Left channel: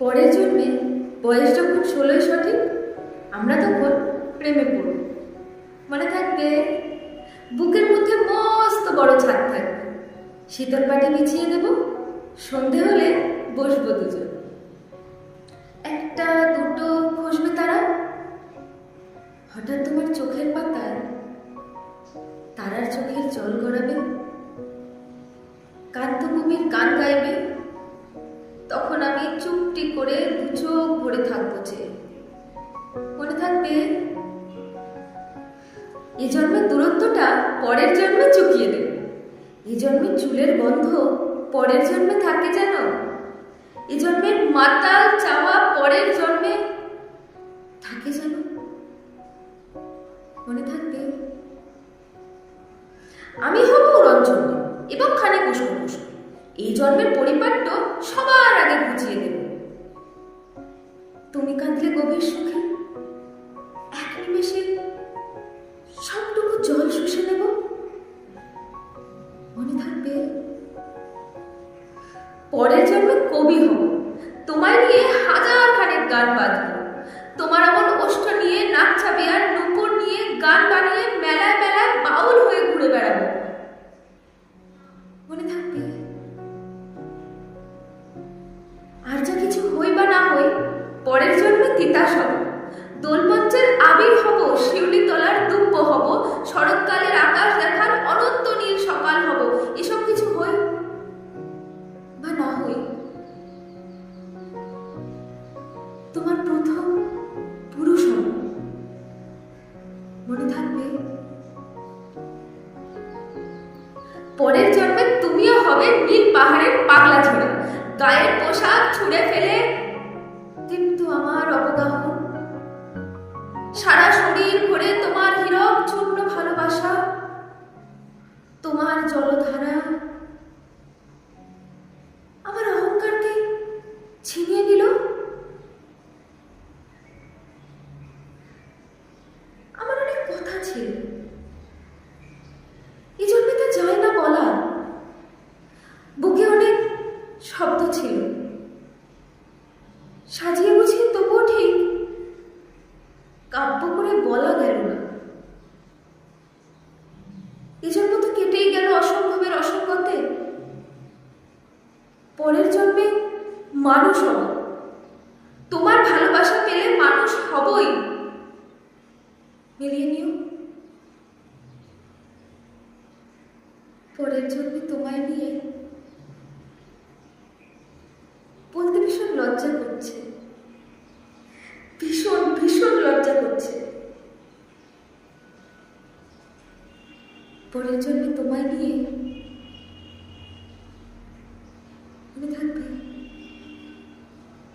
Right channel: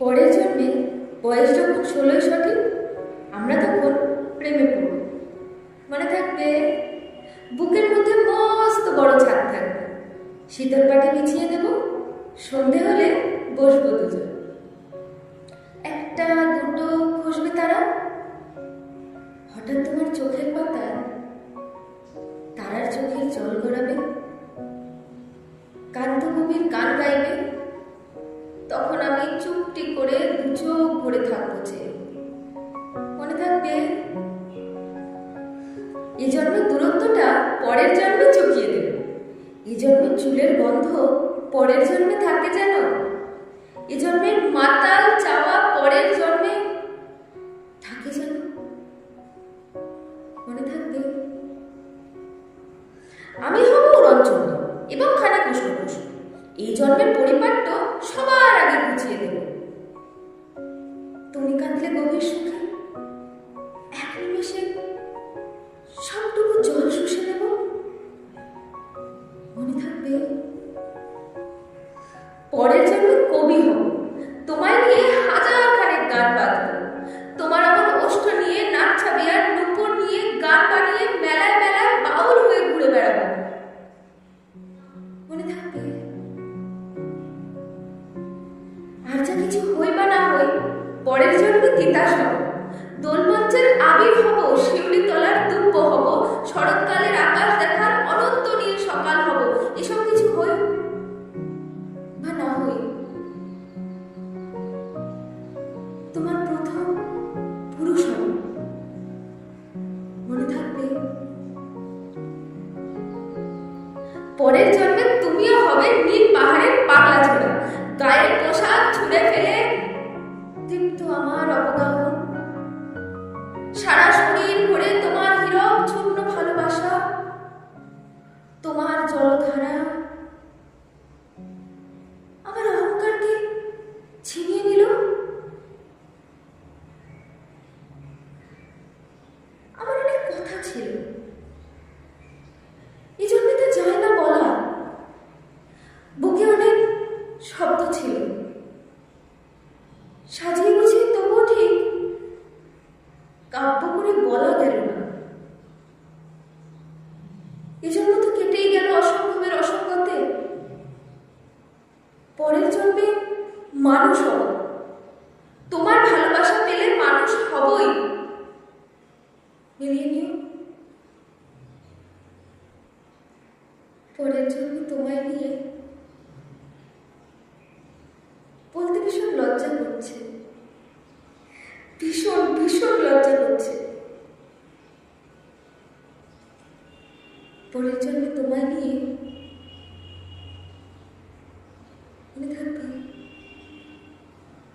পরের জন্মে বয়স যখন 16 সঠিক, আমরা তখন প্রেমে পড়ব। মনে থাকবে, বুকের মধ্যে মস্ত বড় ছাদ থাকবে, শীতল পাটি বিছিয়ে দেব, সন্ধে হলে বসবো দুজন। একটা দুটো খসবে তারা, হঠাৎ তোমার চোখের পাতায় তারার চোখের জল গড়াবে, কান্তকবির গান গাইবে, তখন আমি চুপটি করে দু চোখ ভরে থাকবো চেয়ে। মনে থাকবে, এ জন্মের দূরত্বটা পরের জন্মে চুকিয়ে দেবে, এ জন্মের চুলের গন্ধ পরের জন্মে থাকে যেন, এ জন্মের মাতাল চাওয়া পরের জন্মে থাকে যেন। মনে থাকবে, আমি হব রঞ্জনী এবং খানিক উষ্ণ পুষ্ণ, এই জন্মের পরিপাট্য সবার আগে বুঝিয়ে দেব। তুমি কাঁদলে গভীর সুখে, এক নিমেষে সবটুকু জল শুষে নেব। মনে থাকবে, পরের জন্মে কবি হব, তোমায় নিয়ে হাজার খানেক গান বাঁধব, তোমার এমন ওষ্ঠ নিয়ে নাক ছাবি আর নুপুর নিয়ে গান বানিয়ে মেলায় মেলায় বাউল হয়ে ঘুরে বেড়াবো। মনে থাকবে, আর যা কিছু হই বা না হই, পরের জন্মে তিতাস হব, দোলমঞ্চের আবির হব, শিউলি তলার দুব্য হব, শরৎকালের আকাশ দেখার অনন্ত নীল সকাল হব। এসব কিছু হই বা না হই, তোমার প্রথম পুরুষ হব। মনে থাকবে, পরের জন্মে তুমিও হবে নীল পাহাড়ের পাগলা ঝোড়া, গায়ের পোশাক ছুঁড়ে ফেলে দীপ্ত আমার অবগাহন, সারা শরীর ভরে তোমার হীরক চূর্ণ ভালোবাসা, তোমার জলধারা আমার অহংকারকে ছিনিয়ে নিল। আমার অনেক কথা ছিল, এই জন্মে তা যায় না বলা, বুকে অনেক শব্দ ছিল, সাজিয়ে গুছিয়ে তবুও ঠিক কাব্য করে বলা গেল না। এজন্য তো কেটেই গেল অসম্ভবের অসম্ভতে। পরের জন্মে মানুষ হব, তোমার ভালোবাসা পেলে মানুষ হবই। মিলিয়ে নিও, পরের জন্মে তোমায় নিয়ে বলতে ভীষণ লজ্জা করছে, ভীষণ ভীষণ লজ্জা করছে। পরের জন্মে তোমায় নিয়ে, মনে থাকবে।